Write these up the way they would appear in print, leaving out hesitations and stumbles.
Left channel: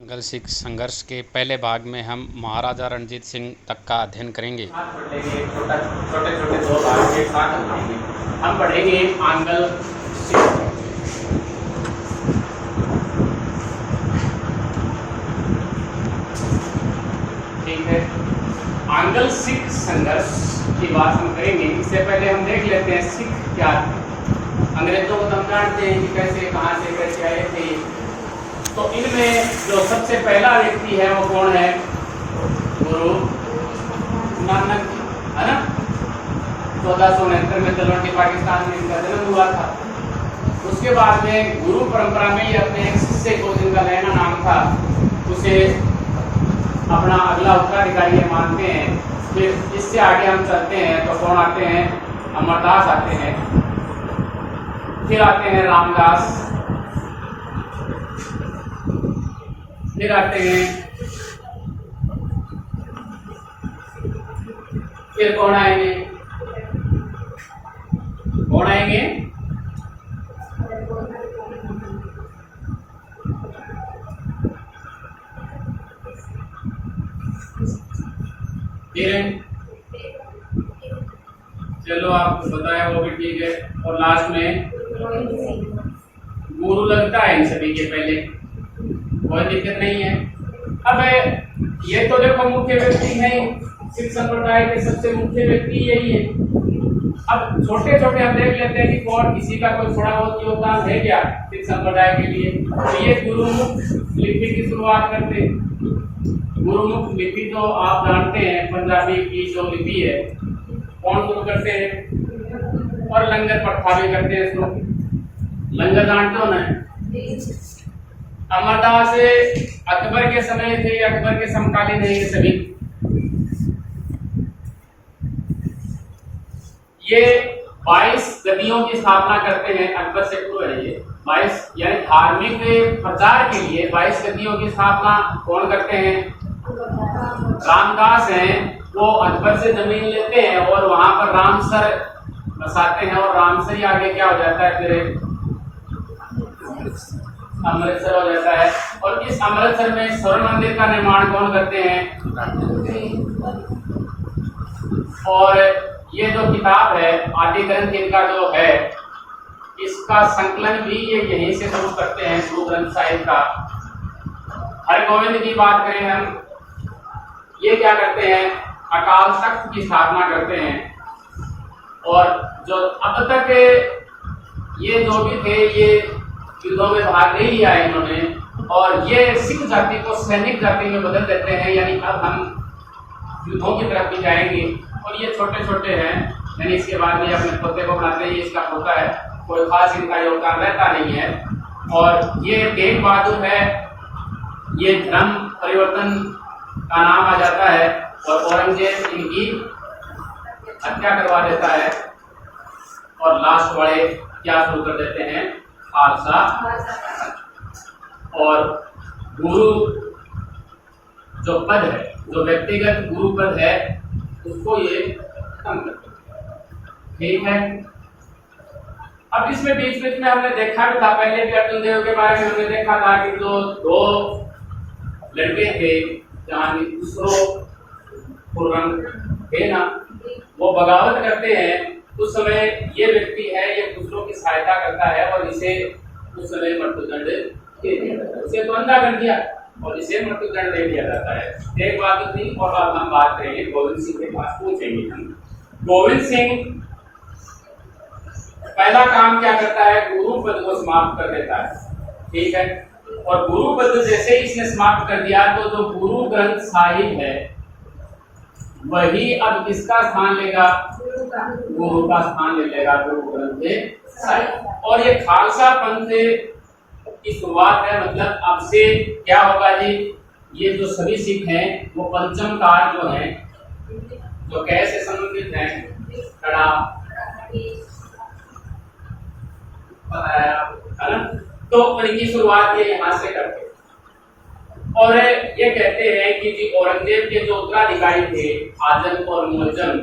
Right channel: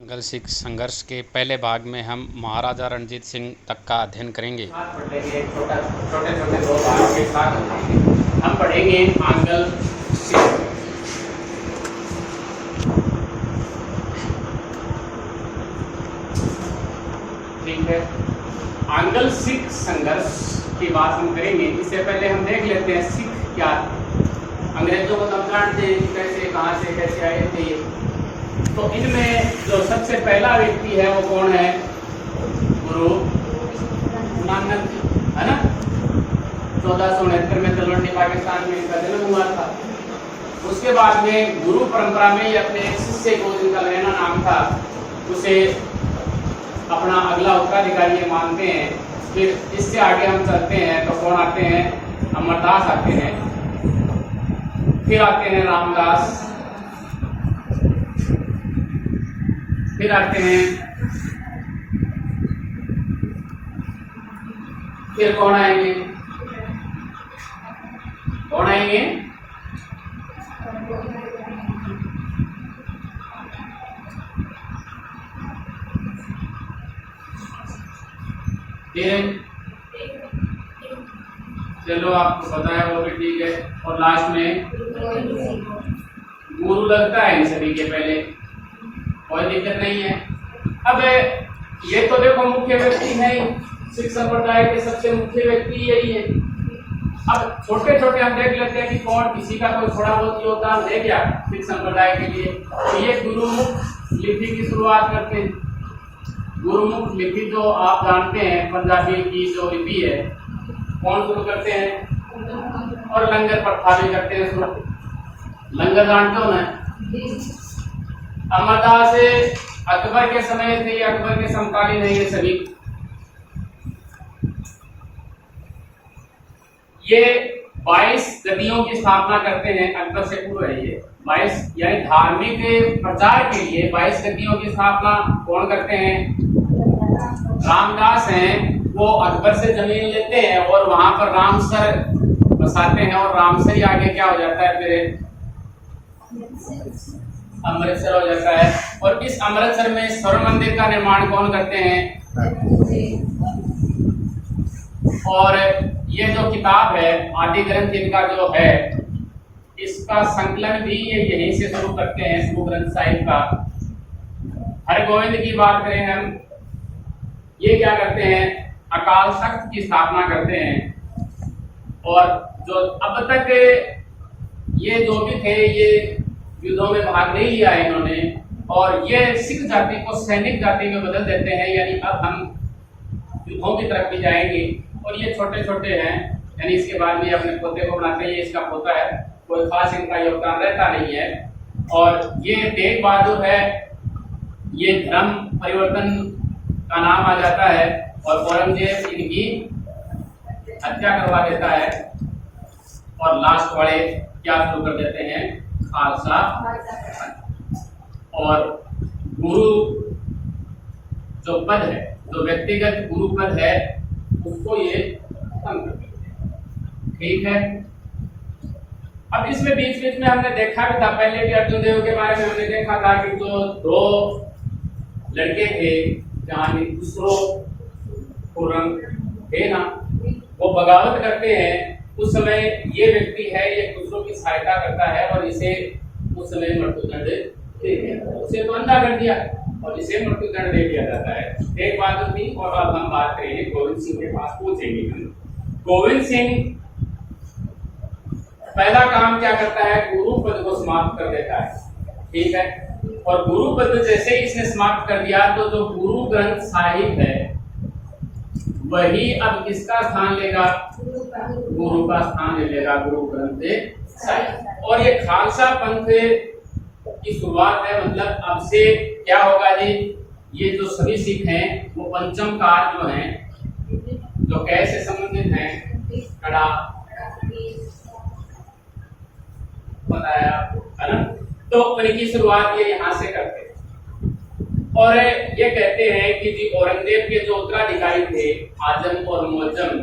मुगल सिख संघर्ष के पहले भाग में हम महाराजा रणजीत सिंह तक का अध्ययन करेंगे। छोटे छोटे दो भाग के साथ हम पढ़ेंगे आंगल सिख। ठीक है, आंगल सिख संघर्ष की बात हम करेंगे। इससे पहले हम देख लेते हैं सिख क्या। अंग्रेजों को हम जानते हैं कि कैसे कहाँ से कैसे आए थे। तो इनमें जो सबसे पहला व्यक्ति है वो कौन है? गुरु नानक, है ना। 1469 में तलवंडी पाकिस्तान में इनका जन्म हुआ था। उसके बाद में गुरु परंपरा में ही अपने एक शिष्य को, जिनका लैना नाम था, उसे अपना अगला उत्तराधिकारी मानते हैं। फिर इससे आगे हम चलते हैं तो कौन आते हैं? अमरदास आते हैं, फिर आते हैं रामदास, फिर आते हैं, फिर कौन आएंगे? कौन आएंगे? चलो आपको बताया वो भी ठीक है। और लास्ट में गुरु लगता है इन सभी के पहले, कोई दिक्कत नहीं है। अब ये तो देखो मुख्य व्यक्ति है, सिख संप्रदाय के सबसे मुख्य व्यक्ति यही है। अब छोटे छोटे हम देख लेते हैं कि कौन, किसी का कोई थोड़ा बहुत योगदान है क्या सिख संप्रदाय के लिए। तो ये गुरुमुख लिपि की शुरुआत करते हैं। गुरुमुख लिपि जो आप जानते हैं, पंजाबी की जो लिपि है, कौन शुरू करते हैं? और लंगर प्रथा भी करते हैं शुरू। लंगर जानते हो ना? अमरदास अकबर के समय थे, अकबर के समकालीन है ये सभी। ये 22 गद्दियों की स्थापना करते हैं, अकबर से पूर्व है ये। 22 यानी धार्मिक प्रचार के लिए 22 गद्दियों की स्थापना कौन करते हैं? रामदास हैं। वो अकबर से जमीन लेते हैं और वहां पर रामसर बसाते हैं, और रामसर ही आगे क्या हो जाता है? फिर अमृतसर हो जाता है। और इस अमृतसर में स्वर्ण मंदिर का निर्माण कौन करते हैं? और ये जो किताब है, आदि ग्रंथ इनका जो है, इसका संकलन भी ये यहीं से शुरू करते हैं, गुरु ग्रंथ साहिब का। हरगोविंद की बात करें हम, ये क्या करते हैं? अकाल तख्त की स्थापना करते हैं। और जो अब तक ये जो भी थे, ये युद्धों में भाग नहीं लिया है इन्होंने, और ये सिख जाति को सैनिक जाति में बदल देते हैं। यानी अब हम युद्धों की तरफ भी जाएंगे। और ये छोटे छोटे हैं, यानी इसके बाद में अपने पोते को बनाते हैं। ये इसका पोता है, कोई खास इनका योगदान रहता नहीं है। और ये तेग बहादुर है, ये धर्म परिवर्तन का नाम आ जाता है, और औरंगजेब इनकी हत्या करवा देता है। और लास्ट वाले क्या शुरू कर देते हैं? खालसा। और गुरु जो पद है, जो व्यक्तिगत गुरु पद है, उसको ये खत्म कर देते हैं। ठीक है। अब इसमें बीच बीच में हमने देखा भी था, पहले भी अर्जुन देव के बारे में हमने देखा था कि जो दो लड़के थे, जहां खुसरो खुर्रम थे ना, वो बगावत करते हैं। उस समय ये व्यक्ति है, ये खुसरो की सहायता करता है, और इसे उस समय मृत्युदंड दे दिया जाता है। उसे तो अंधा कर दिया और इसे मृत्युदंड दे दिया जाता है। एक बात तो थी। और अब हम बात करेंगे गोविंद सिंह के पास पूछेंगे हम। गोविंद सिंह पहला काम क्या करता है? गुरु पद को समाप्त कर देता है। ठीक है। और गुरु पद जैसे ही इसने समाप्त कर दिया, तो जो गुरु ग्रंथ साहिब है, वही अब किसका स्थान लेगा? गुरु का स्थान ले लेगा, गुरु ग्रंथ साहिब। और ये खालसा पंथ की शुरुआत है। मतलब अब से क्या होगा जी? ये जो सभी सिख हैं, वो पंचम काल जो हैं, जो कैसे संबंधित हैं, कड़ा बताया, है ना। तो उनकी शुरुआत ये यहाँ से करते हैं। और ये कहते हैं कि जी औरंगजेब के जो उत्तराधिकारी थे, आजम और मुअज्जम,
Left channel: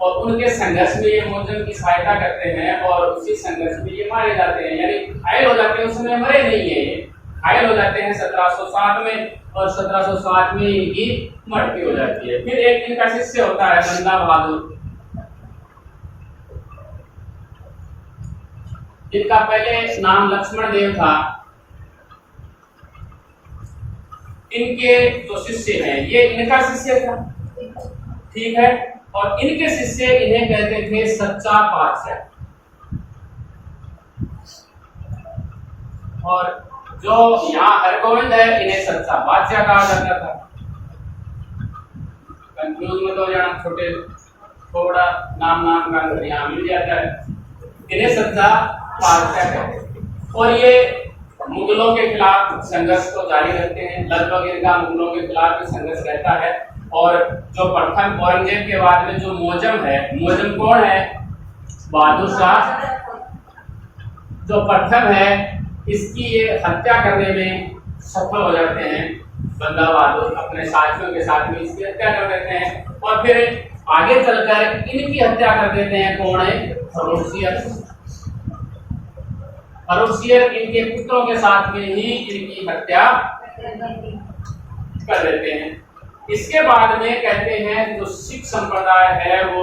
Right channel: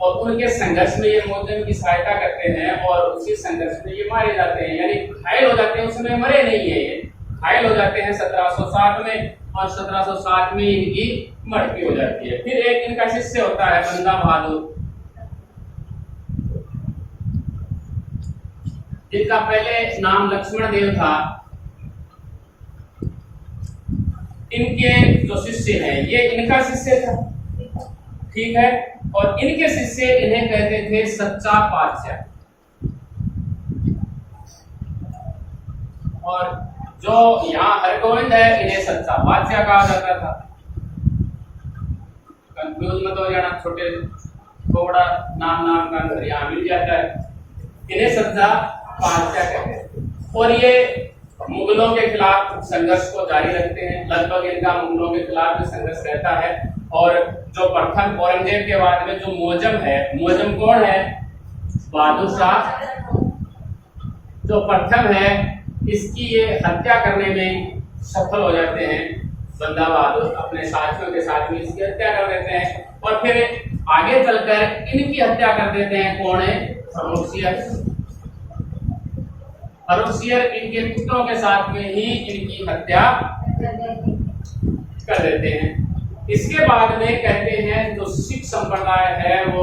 और उनके संघर्ष में ये मुअज्जम की सहायता करते हैं, और उसी संघर्ष में ये मारे जाते हैं, यानी घायल हो जाते हैं। उस समय मरे नहीं है ये, घायल हो जाते हैं 1707 में, और 1707 में इनकी मृत्यु हो जाती है। फिर एक इनका शिष्य होता है बंदा बहादुर, जिनका पहले नाम लक्ष्मण देव था। इनके जो शिष्य हैं, ये इनका शिष्य था, ठीक है, और इनके शिष्य इन्हें कहते थे सच्चा पातशाह। और जो यहाँ हरगोविंद है, इन्हें सच्चा बादशाह कहा जाता था। कंफ्यूज मत हो जाना, छोटे थोड़ा नाम का अंतर यहाँ मिल जाता है। इन्हें सच्चा बादशाह कहते थे, और ये मुगलों के खिलाफ संघर्ष को जारी रखते हैं। लगभग इनका मुगलों के खिलाफ भी संघर्ष रहता है। और जो प्रथम औरंगजेब के बाद में जो मुअज्जम है, मुअज्जम कौन है? बहादुर शाह जो प्रथम है, इसकी ये हत्या करने में सफल हो जाते हैं। बंदा बहादुर अपने साथियों के साथ में इसकी हत्या कर देते हैं, और फिर आगे चलकर इनकी हत्या कर देते हैं। कौन है? फर्रुखसियर इनके पुत्रों के साथ में ही इनकी हत्या कर देते हैं। इसके बाद में कहते हैं जो सिख संप्रदाय है वो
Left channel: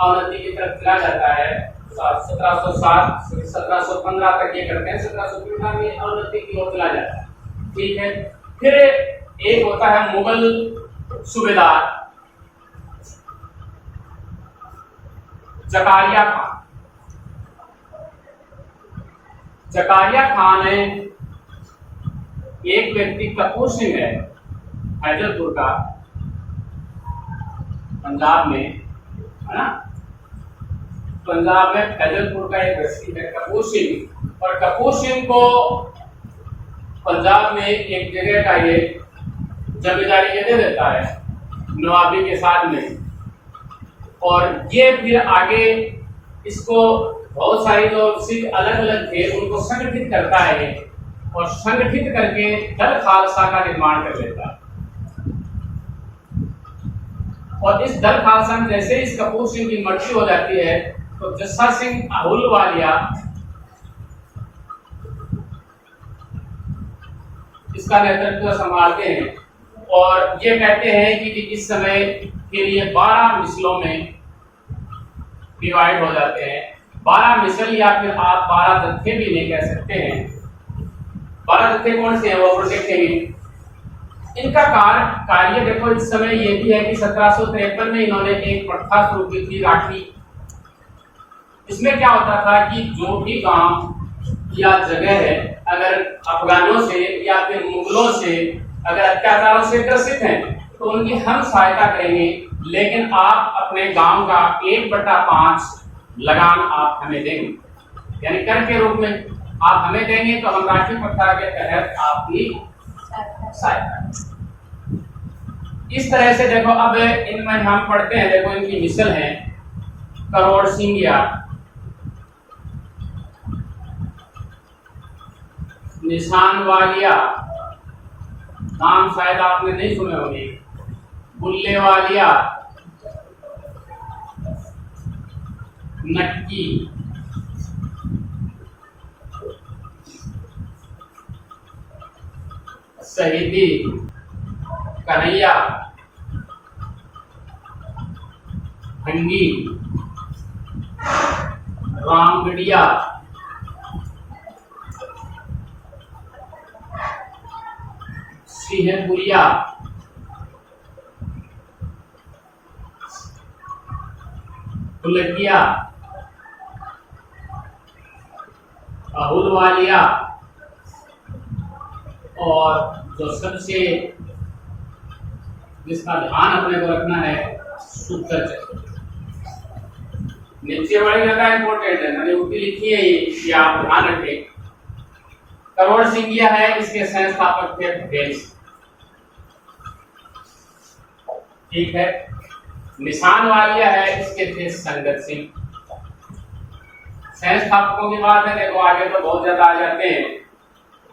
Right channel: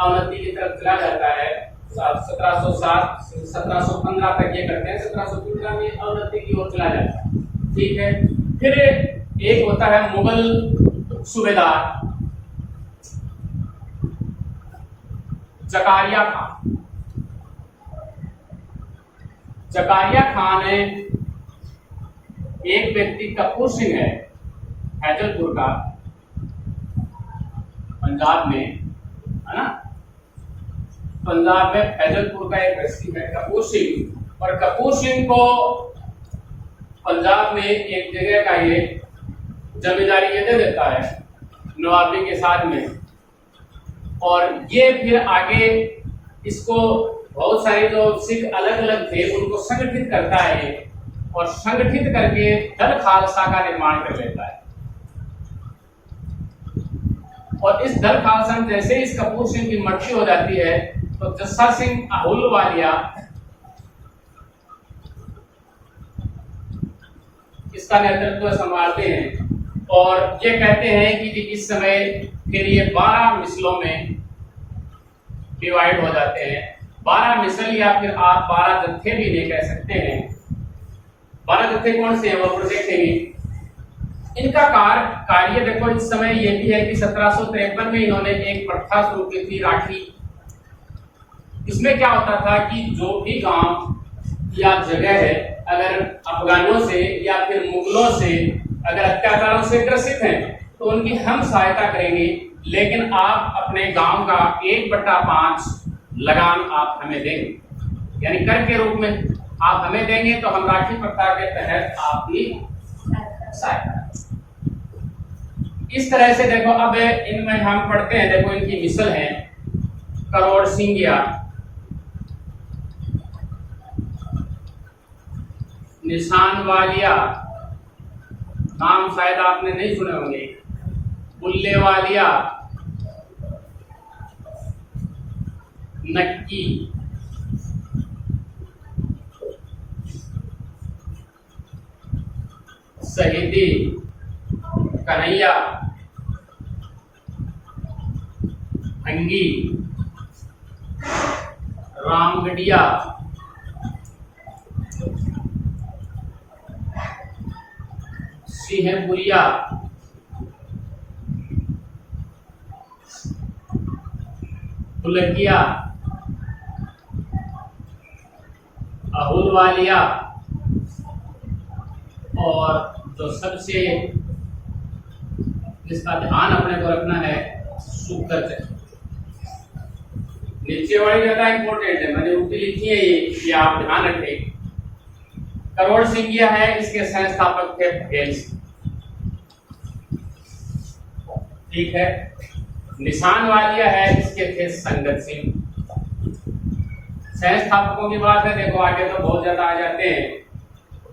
अवनति की तरफ चला जाता है। 1707 1715 तक ये करते हैं, 1715 में अवनति की ओर चला जाता है, ठीक है। फिर एक होता है मुगल सूबेदार जकारिया खान। जकारिया खान है एक व्यक्ति, कपूर सिंह है हैदरपुर का, पंजाब में, है ना, पंजाब में फैजलपुर का एक व्यक्ति है कपूर सिंह। और कपूर सिंह को पंजाब में एक जगह का ये जमींदारी ये दे देता है नवाबी के साथ में। और ये फिर आगे इसको बहुत सारे जो सिख अलग अलग थे उनको संगठित करता है, और संगठित करके दल खालसा का निर्माण कर लेता है। और इस दल खालसा में जैसे इस कपूर सिंह की मृत्यु हो जाती है, तो जस्सा सिंह अहुलवालिया इसका नेतृत्व संभालते हैं। और ये कहते हैं कि इस समय फिर ये 12 मिसलों में डिवाइड हो जाते हैं। 12 मिसल, या फिर आप 12 जत्थे भी नहीं कह सकते हैं। 12 जत्थे कौन से हैं वो देखेंगे। इनका कार्य देखो, इस समय ये भी है कि 1753 में इन्होंने एक प्रथा शुरू की थी, राखी। इसमें क्या होता था कि जो भी गांव या जगह है, अगर अफगानों से या फिर मुगलों से अगर अत्याचारों से ग्रसित हैं, तो उनकी हम सहायता करेंगे, लेकिन आप अपने गांव का 1/5 लगान आप हमें देंगे, यानी कर के रूप में आप हमें देंगे, तो हम राखी प्रथा के तहत आपकी सहायता। इस तरह से देखो, अब इनमें हम पढ़ते हैं, देखो इनकी मिसल है करोड़ सिंगिया, निशान वालिया, नाम शायद आपने नहीं सुने होंगे, बुल्ले वालिया, नक्की, शहीदी, कन्हैया, भंगी, रामगढ़िया, सिंहपुरिया, फुलकिया, अहुलवालिया, और जो सबसे जिसका ध्यान अपने को रखना है, सुखचर। नीचे वाली ज्यादा इंपॉर्टेंट है, मैंने ऊपर लिखी है ये आप ध्यान रखें। करोड़ सिंगिया है, इसके संस्थापक थे पटेल, ठीक है। निशान वालिया है, इसके थे संगत सिंह। संस्थापकों की बात है, देखो आगे तो बहुत ज्यादा आ जाते हैं।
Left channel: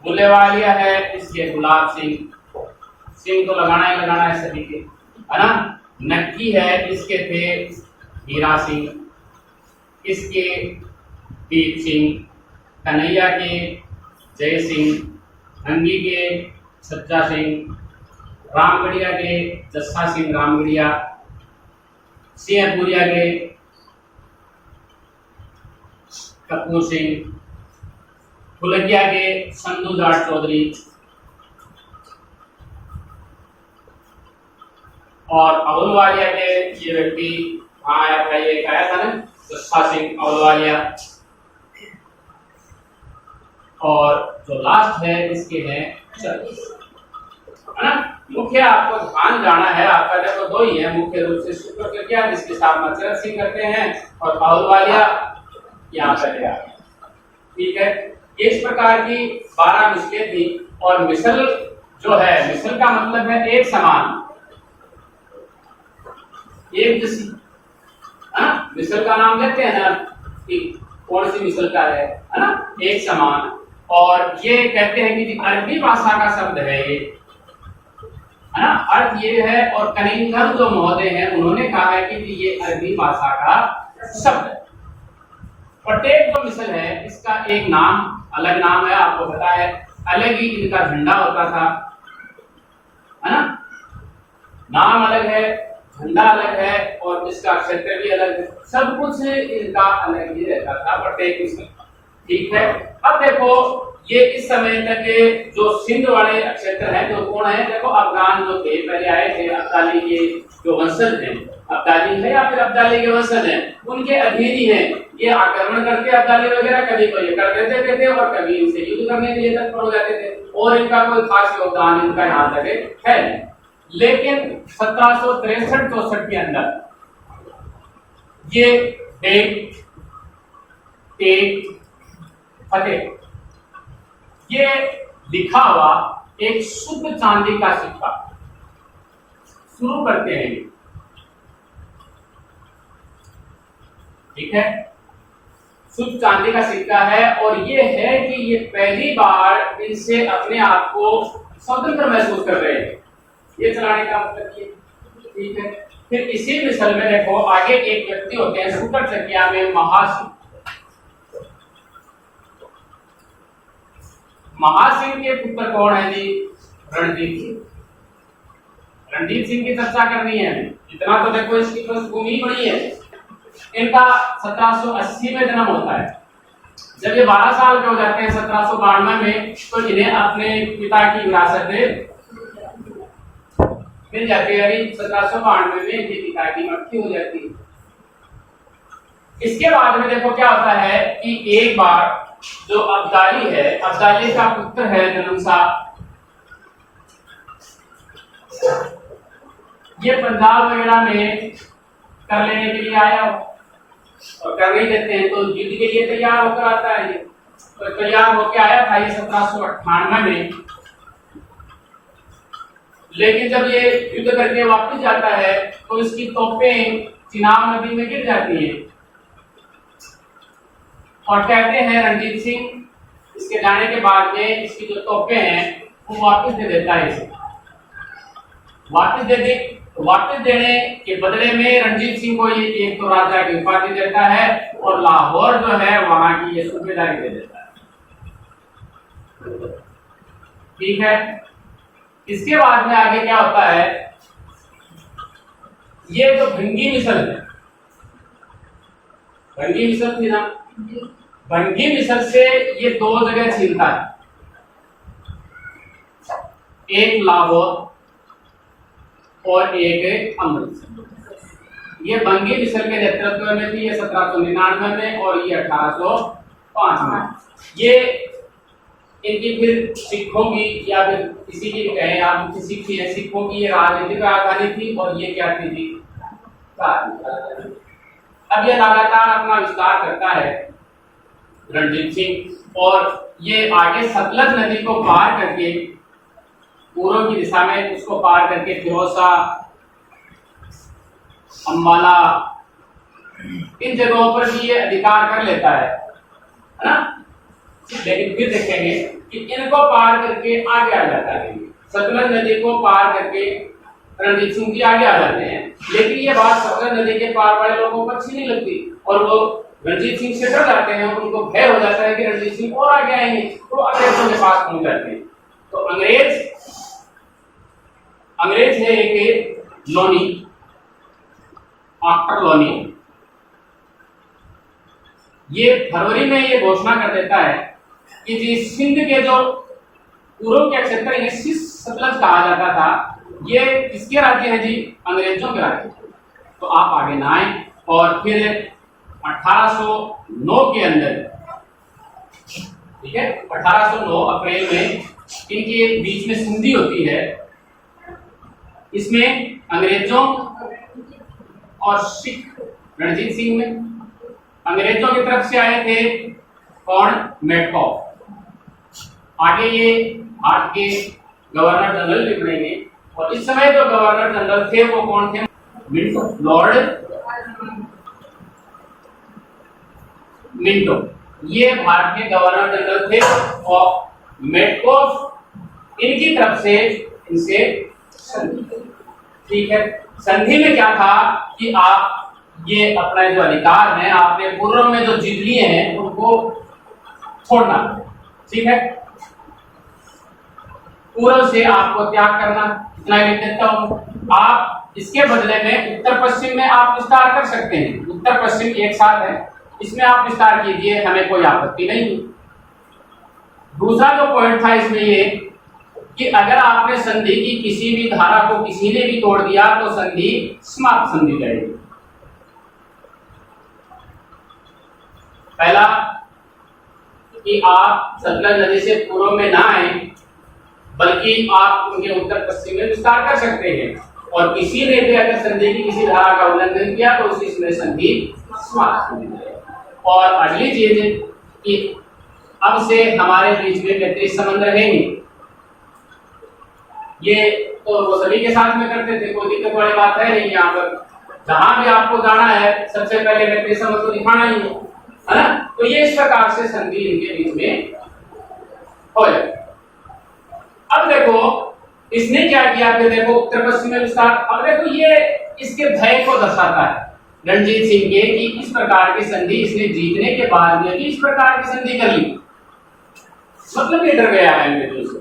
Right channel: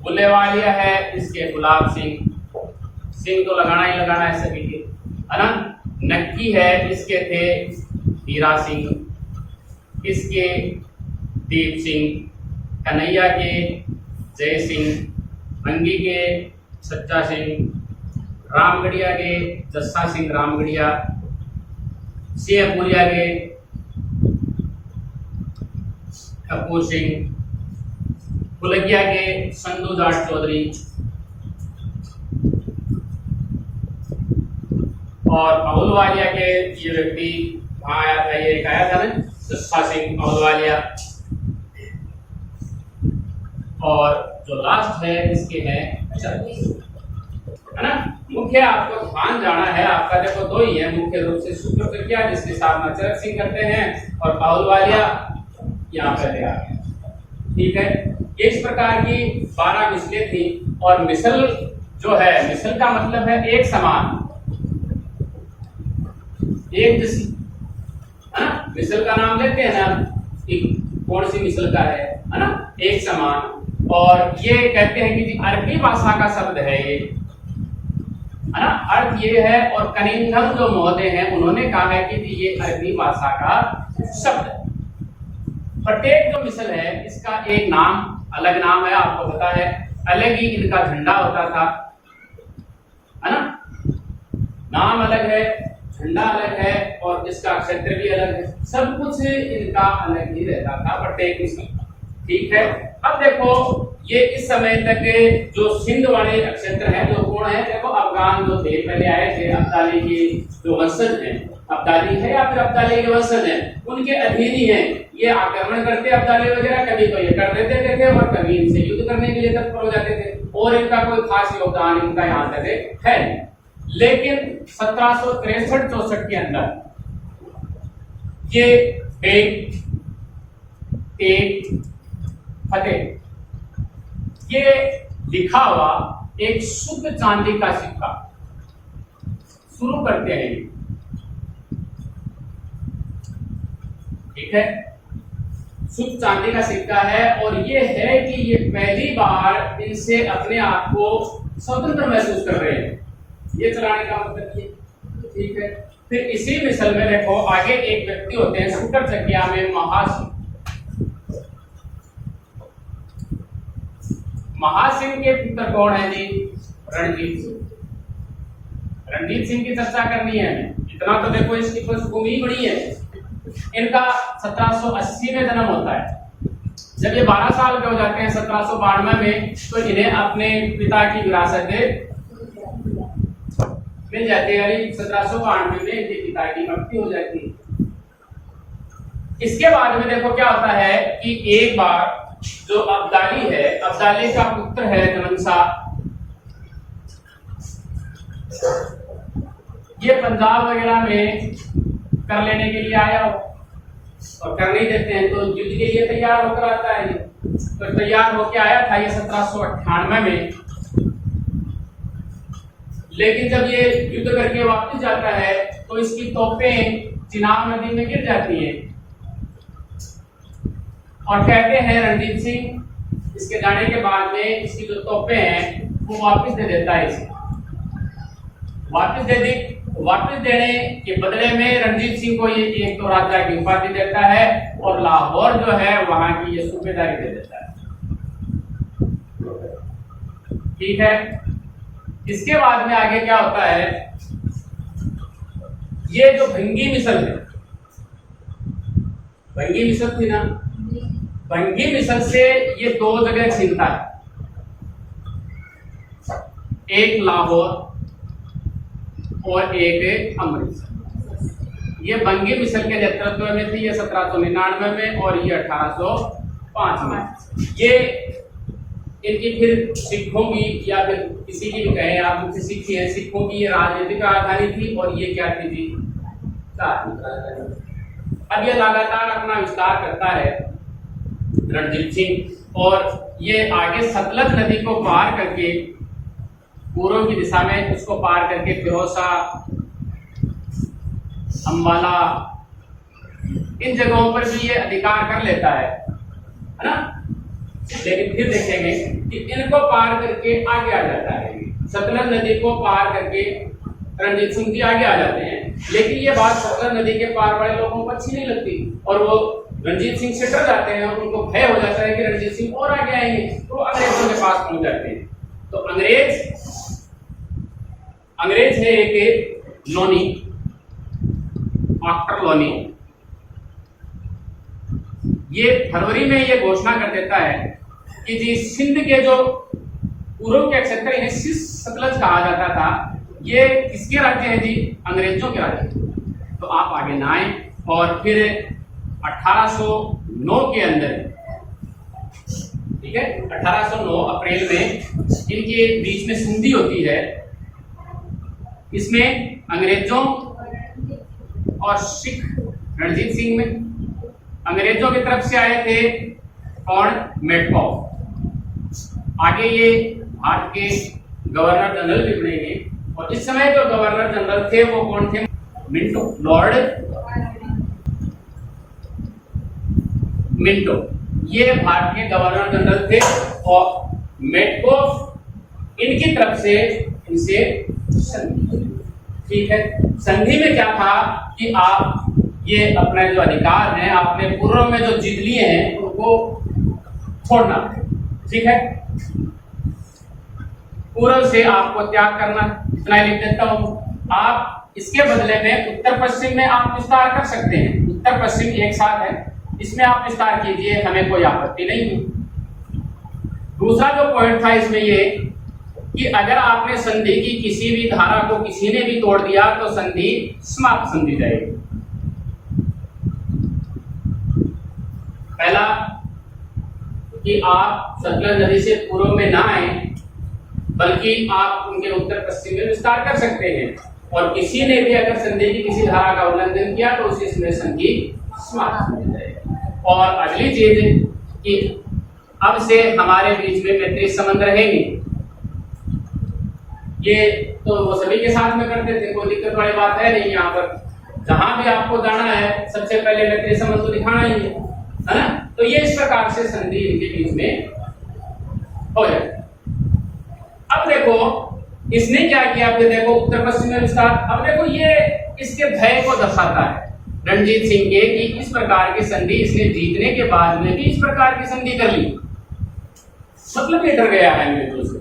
बुल्ले वालिया है, इसके गुलाब सिंह, सिंह तो लगाना ही लगाना है सभी के, है ना। नक्की है, इसके थे हीरा सिंह, इसके दीप सिंह, कन्हैया के जय सिंह, भंगी के सच्चा सिंह, रामगढ़िया के जस्सा सिंह रामगढ़िया, सिंहपुरिया के कपूर सिंह, फुलगिया के संधू जाट चौधरी और अहुलवालिया के ये व्यक्ति वहां आया था, ये एक आया था ना जस्सा सिंह अहुलवालिया। और जो लास्ट है इसके हैं है ना। मुख्य आपको ध्यान जाना है, आपका देखो दो ही है मुख्य रूप से, शुक्र फिरकिया जिसके साथ मचरक सिंह करते हैं और अहुलवालिया यहाँ पे आ गया। ठीक है, इस प्रकार की 12 मिसलें थी। और मिसल जो है, मिसल का मतलब है एक समान, एक जैसी। मिसल का नाम लेते हैं ना कि कौन सी मिसल का है ना, एक समान। और ये कहते हैं कि अरबी भाषा का शब्द है ये, है ना, अर्थ ये है। और कनिंघम जो महोदय हैं उन्होंने कहा है कि ये अरबी भाषा का शब्द है। प्रत्येक जो मिसल है इसका एक नाम, अलग नाम है, आपको पता है। अलग ही इनका झंडा होता था, है ना, नाम अलग है, झंडा अलग है और इसका क्षेत्र भी अलग है, सब कुछ इनका अलग ही रहता था प्रत्येक मिसल। ठीक है, अब देखो ये इस समय तक जो सिंध वाले क्षेत्र हैं, जो कौन है, देखो अफगान जो थे पहले आए थे, अब्दाली के जो वंशज हैं, अब्दाली है या फिर अब्दाली के वंशज हैं, उनके अधीन ही हैं। ये आक्रमण करते अब्दाली वगैरह, कभी तो ये कर देते थे और कभी इनसे युद्ध करने के लिए तत्पर हो जाते थे, और इनका कोई खास योगदान इनका यहाँ तक है नहीं। लेकिन 1763-64 के अंदर ये एक फतेह, ये लिखा हुआ एक शुद्ध चांदी का सिक्का शुरू करते हैं। ठीक है, शुद्ध चांदी का सिक्का है और ये है कि ये पहली बार इनसे अपने आप को स्वतंत्र महसूस कर रहे हैं, ये चलाने का मतलब ये। ठीक है, फिर इसी मिसल में देखो आगे एक व्यक्ति होते हैं शुक्र चकिया में महासिंह। महासिंह के पुत्र कौन है जी? रणजीत सिंह। रणजीत सिंह की चर्चा करनी है, इतना तो देखो इसकी पृष्ठभूमि बड़ी है। इनका 1780 में जन्म होता है। जब ये 12 साल के हो जाते हैं 1792 में, तो इन्हें अपने पिता की विरासत मिल जाती है। अभी 1792 में इनके पिता की मृत्यु हो जाती है। इसके बाद में देखो क्या होता है कि एक बार जो अब्दाली है, अब्दाली का पुत्र है जननशाह, ये पंजाब वगैरह में कर लेने के लिए आया हो और कर नहीं देते हैं तो युद्ध के लिए तैयार होकर आता है। ये तो तैयार होकर आया था ये 1798 में, लेकिन जब ये युद्ध करके वापस जाता है तो इसकी तोपें चिनाब नदी में गिर जाती हैं और कहते हैं रणजीत सिंह इसके जाने के बाद में इसकी जो तोपें हैं वो वापस दे देता है इसे। वापस देने के बदले में रणजीत सिंह को ये एक तो राजा की उपाधि देता है और लाहौर जो है वहां की ये सूबेदारी दे देता है। ठीक है, इसके बाद में आगे क्या होता है, ये जो भंगी मिसल है, भंगी मिसल थी ना, भंगी मिसल से ये दो जगह छीनता है, एक लाहौर और एक अमृतसर। ये भंगी मिसल के नेतृत्व में थी, ये 1799 में और ये 1805 में। ये इनकी फिर सिखों की या फिर किसी की भी कहें आप, मुख्य सिख है, सिखों की ये राजनीतिक राजधानी थी और ये क्या थी जी, अब ये लगातार अपना विस्तार करता है रणजीत सिंह, और ये आगे सतलज नदी को पार करके पूर्व की दिशा में उसको पार करके फिरोजा, अम्बाला, इन जगहों पर भी ये अधिकार कर लेता है ना। लेकिन फिर देखेंगे कि इनको पार करके आगे आ जाता है, सतलज नदी को पार करके रणजीत सिंह जी आगे आ जाते हैं। लेकिन ये बात सतलज नदी के पार वाले लोगों को अच्छी नहीं लगती और वो रणजीत सिंह से डर जाते हैं, उनको भय हो जाता है कि रणजीत सिंह और आगे आएंगे, तो अंग्रेजों के पास पहुंच जाते हैं। तो अंग्रेज है एक लोनी, आर्टर लोनी। ये फरवरी में ये घोषणा कर देता है कि जी सिंध के जो पूर्व के क्षेत्र इन्हें सिस सतलज कहा जाता था, ये किसके राज्य है जी? अंग्रेजों के राज्य। तो आप आगे ना आए। और फिर 1809 के अंदर, ठीक है, 1809 अप्रैल में इनके बीच में संधि होती है। इसमें अंग्रेजों और सिख रणजीत सिंह में, अंग्रेजों की तरफ से आए थे कौन? मेटकॉफ। आगे ये भारत के गवर्नर जनरल भी बनेंगे। और इस समय जो गवर्नर जनरल थे वो कौन थे? मिंटो, लॉर्ड मिंटो, ये भारत के गवर्नर जनरल थे। और मेटकॉफ इनकी तरफ से इनसे संधि, ठीक है। संधि में क्या था कि आप ये अपना जो अधिकार है आपने पूर्व में जो जीत लिए हैं उनको छोड़ना, ठीक है। पूर्व से आपको त्याग करना, इतना लिख देता हूं। आप इसके बदले में उत्तर पश्चिम में आप विस्तार कर सकते हैं। उत्तर पश्चिम एक साथ है, इसमें आप विस्तार कीजिए, हमें कोई आपत्ति नहीं है। दूसरा जो पॉइंट था इसमें ये कि अगर आपने संधि की किसी भी धारा को किसी ने भी तोड़ दिया तो संधि समाप्त समझी जाएगी। पहला कि आप सतलज नदी से पूर्व में ना आए, बल्कि आप उनके उत्तर पश्चिम में विस्तार कर सकते हैं। और किसी ने भी अगर संधि की किसी धारा का उल्लंघन किया तो उसमें संधि समाप्त हो जाएगी। और अगली चीज कि अब से हमारे बीच में मैत्री संबंध रहेंगे। ये तो वो सभी के साथ में करते थे, कोई दिक्कत वाली बात है नहीं। यहाँ पर जहां भी आपको जाना है सबसे पहले मैत्री संबंध तो दिखाना ही है ना। तो ये इस प्रकार से संधि इनके बीच में हो जाए। अब देखो इसने क्या किया, फिर देखो उत्तर पश्चिम में विस्तार। अब देखो ये इसके भय को दर्शाता है रणजीत सिंह के कि इस प्रकार की संधि इसने जीतने के बाद में भी इस प्रकार की संधि कर ली, मतलब ये डर गया है अंग्रेजों से।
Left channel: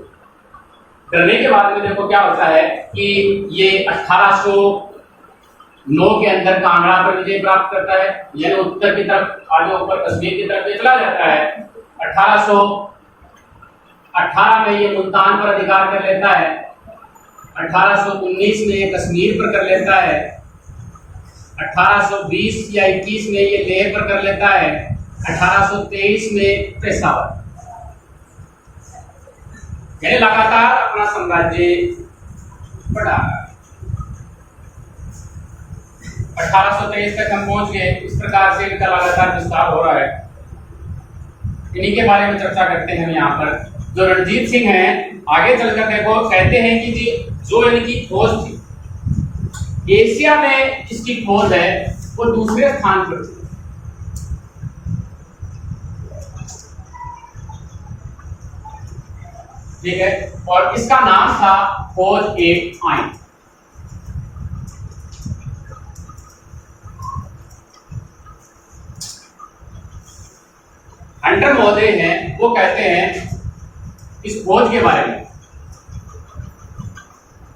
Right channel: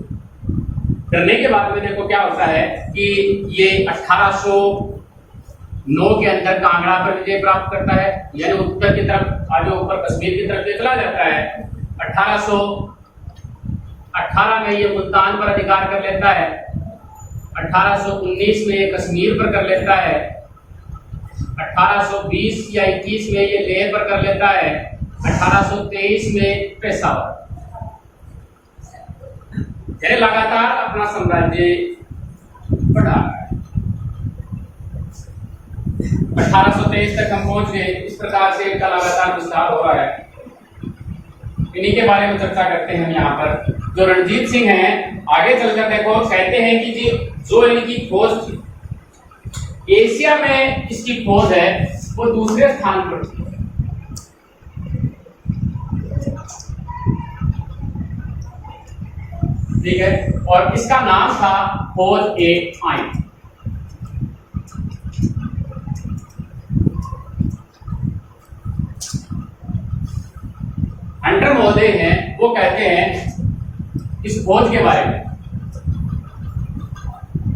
डरने के बाद में देखो क्या होता है कि ये 1809 के अंदर कांगड़ा पर विजय प्राप्त करता है, यानी उत्तर की तरफ आगे ऊपर कश्मीर की तरफ चला जाता है। 1818 में ये मुल्तान पर अधिकार कर लेता है। 1819 में ये कश्मीर पर कर लेता है। 1820 या 21 में ये लेह पर कर लेता है। 1823 में पेशावर, यानी लगातार अपना साम्राज्य बढ़ा। 1823 तक हम पहुंच गए। इस प्रकार से इनका लगातार विस्तार हो रहा है। इन्हीं के बारे में चर्चा करते हैं हम यहाँ पर। जो रणजीत सिंह हैं, आगे चलकर देखो कहते हैं कि जी जो इनकी फौज थी, एशिया में इसकी फौज है वो दूसरे स्थान पर थी। ठीक है, और इसका नाम था फौज ए आइन। हंटर महोदय हैं, वो कहते हैं इस फौज के बारे में,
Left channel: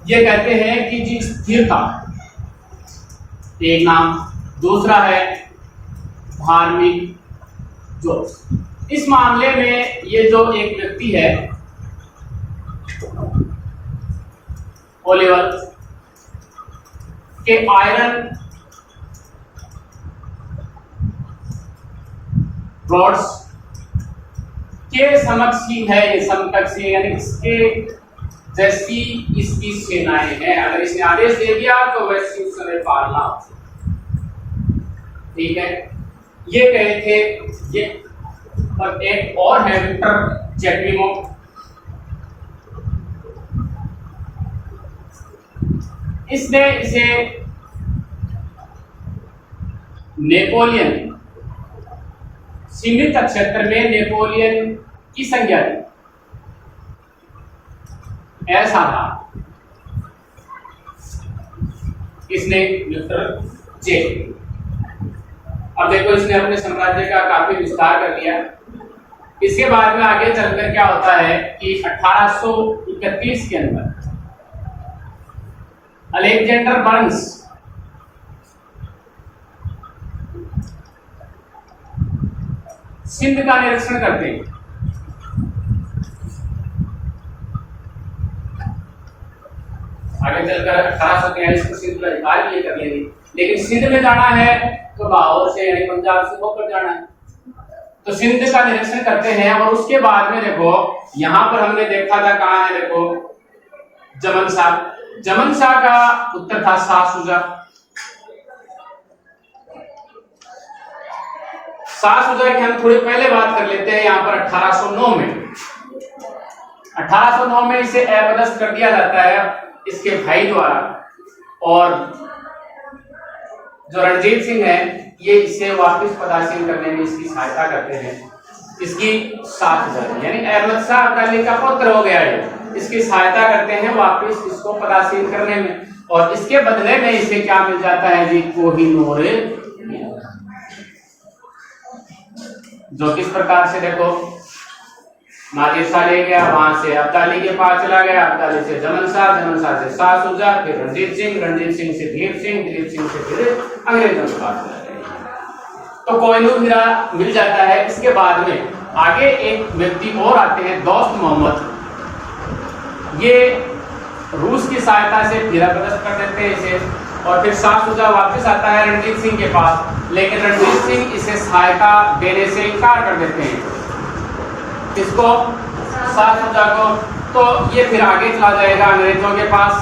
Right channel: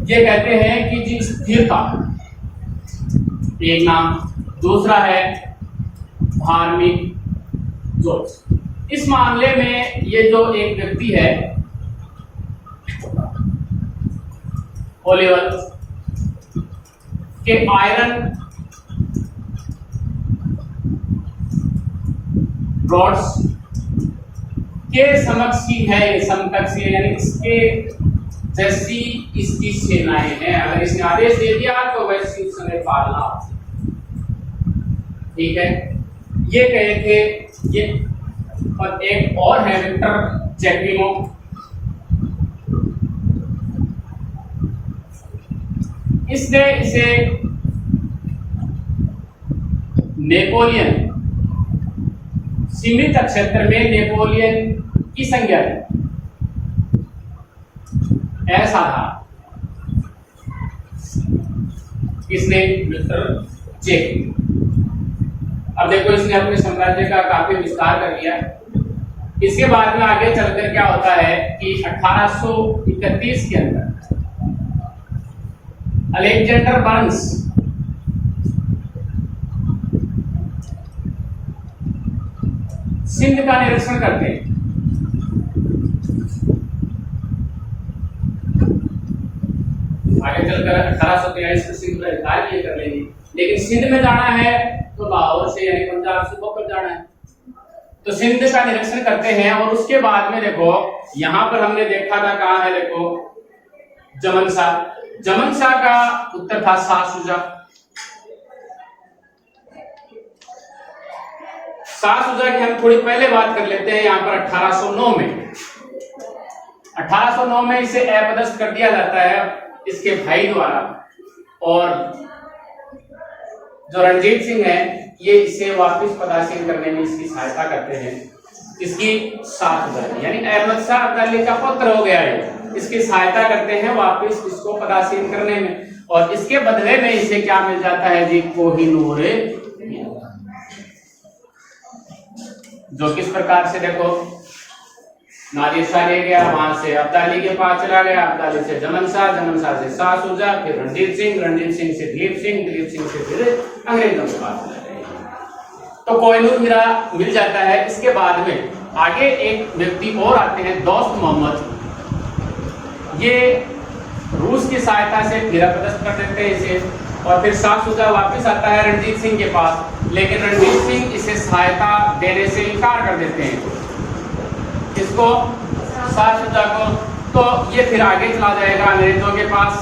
ये कहते हैं कि जी स्थिरता एक नाम, दूसरा है धार्मिक जोश। इस मामले में ये जो एक व्यक्ति है ओलिवर के आयरन रॉड्स के समक्ष ही है, ये समकक्ष है, यानी इसके जैसी इसकी सेनाएं हैं। अगर इसने आदेश दे दिया तो वैसे उस समय पालना। ठीक है, ये कहे थे ये। और एक और है विक्टर चेपीमो, इसने इसे नेपोलियन सीमित क्षेत्र में नेपोलियन की संज्ञा दी, ऐसा था। किसने? मिस्टर चेपी। अब देखो इसने अपने साम्राज्य का काफी विस्तार कर लिया। इसके बाद में आगे चलकर क्या होता है कि 1831 के अंदर अलेक्जेंडर बर्न्स सिंध का निरीक्षण करते हैं। आगे चलकर 1843 को सिंध का अधिकार भी ये कर लेंगे, लेकिन सिंध में जाना है तो लाहौर से यानी पंजाब से होकर जाना है। तो सिंध का निरीक्षण करते हैं और उसके बाद में देखो यहां पर हमने देखा था, कहां है देखो, जमन शाह का उत्तर था शाह शुजा। शाह शुजा की हम थोड़ी पहले बात कर लेते हैं। यहां पर 1809 में इसे अपदस्थ कर दिया जाता है इसके भाई द्वारा, और जो रणजीत सिंह है ये इसे वापस पदासीन करने में इसकी सहायता करते हैं। इसकी शाह शुजा यानी अहमद शाह अब्दाली का पुत्र हो गया है, इसकी सहायता करते हैं वापस इसको पदासीन करने में, और इसके बदले में इसे क्या मिल जाता है जी, कोहिनूर, जो किस प्रकार से देखो, नादिर शाह ले गया, वहां से अब्दाली के पास चला गया, अब्दाली से जमन शाह से शाह शुजा, फिर रणजीत सिंह से धीर सिंह से फिर अंग्रेजों के पास चला गया। तो कोहिनूर मिल जाता है। इसके बाद में आगे एक व्यक्ति और आते हैं, दोस्त मोहम्मद, ये रूस की सहायता से फिर अपदस्थ कर देते हैं इसे, और फिर शाह शुजा वापस आता है रणजीत सिंह के पास, लेकिन रणजीत सिंह इसे सहायता देने से इनकार कर देते हैं, इसको शाह शुजा को। तो ये फिर आगे चला जाएगा अंग्रेजों के पास,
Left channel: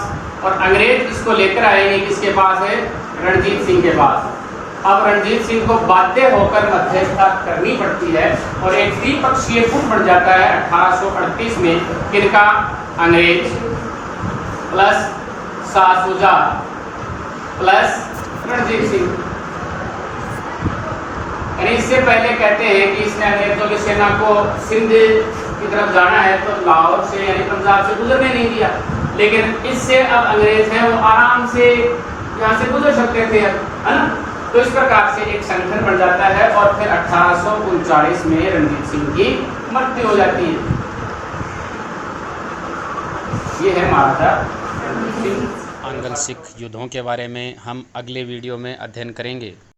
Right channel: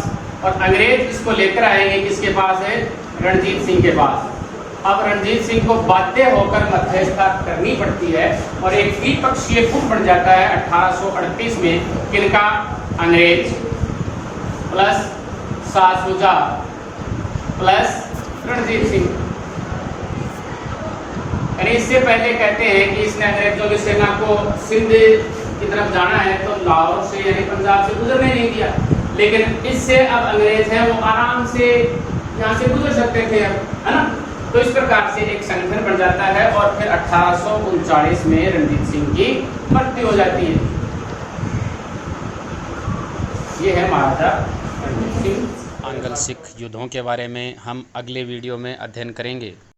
और अंग्रेज इसको लेकर आएंगे किसके पास है, रणजीत सिंह के पास। अब रणजीत सिंह को बाध्य होकर मध्यस्थता करनी पड़ती है और एक त्रिपक्षीय गुट बन जाता है 1838 में, किनका, अंग्रेज प्लस शाह शुजा प्लस रणजीत सिंह। यानी इससे पहले कहते हैं कि इसने अंग्रेजों की सेना को सिंध की तरफ जाना है तो लाहौर से यानी पंजाब से गुजरने नहीं दिया, लेकिन इससे अब अंग्रेज हैं वो आराम से यहाँ से गुजर सकते थे, है ना। तो इस प्रकार से एक संगठन बन जाता है, और फिर 1839 में रणजीत सिंह की मृत्यु हो जाती है। ये है महाराजा रणजीत सिंह। आंग्ल सिख युद्धों के बारे में हम अगले वीडियो में अध्ययन करेंगे।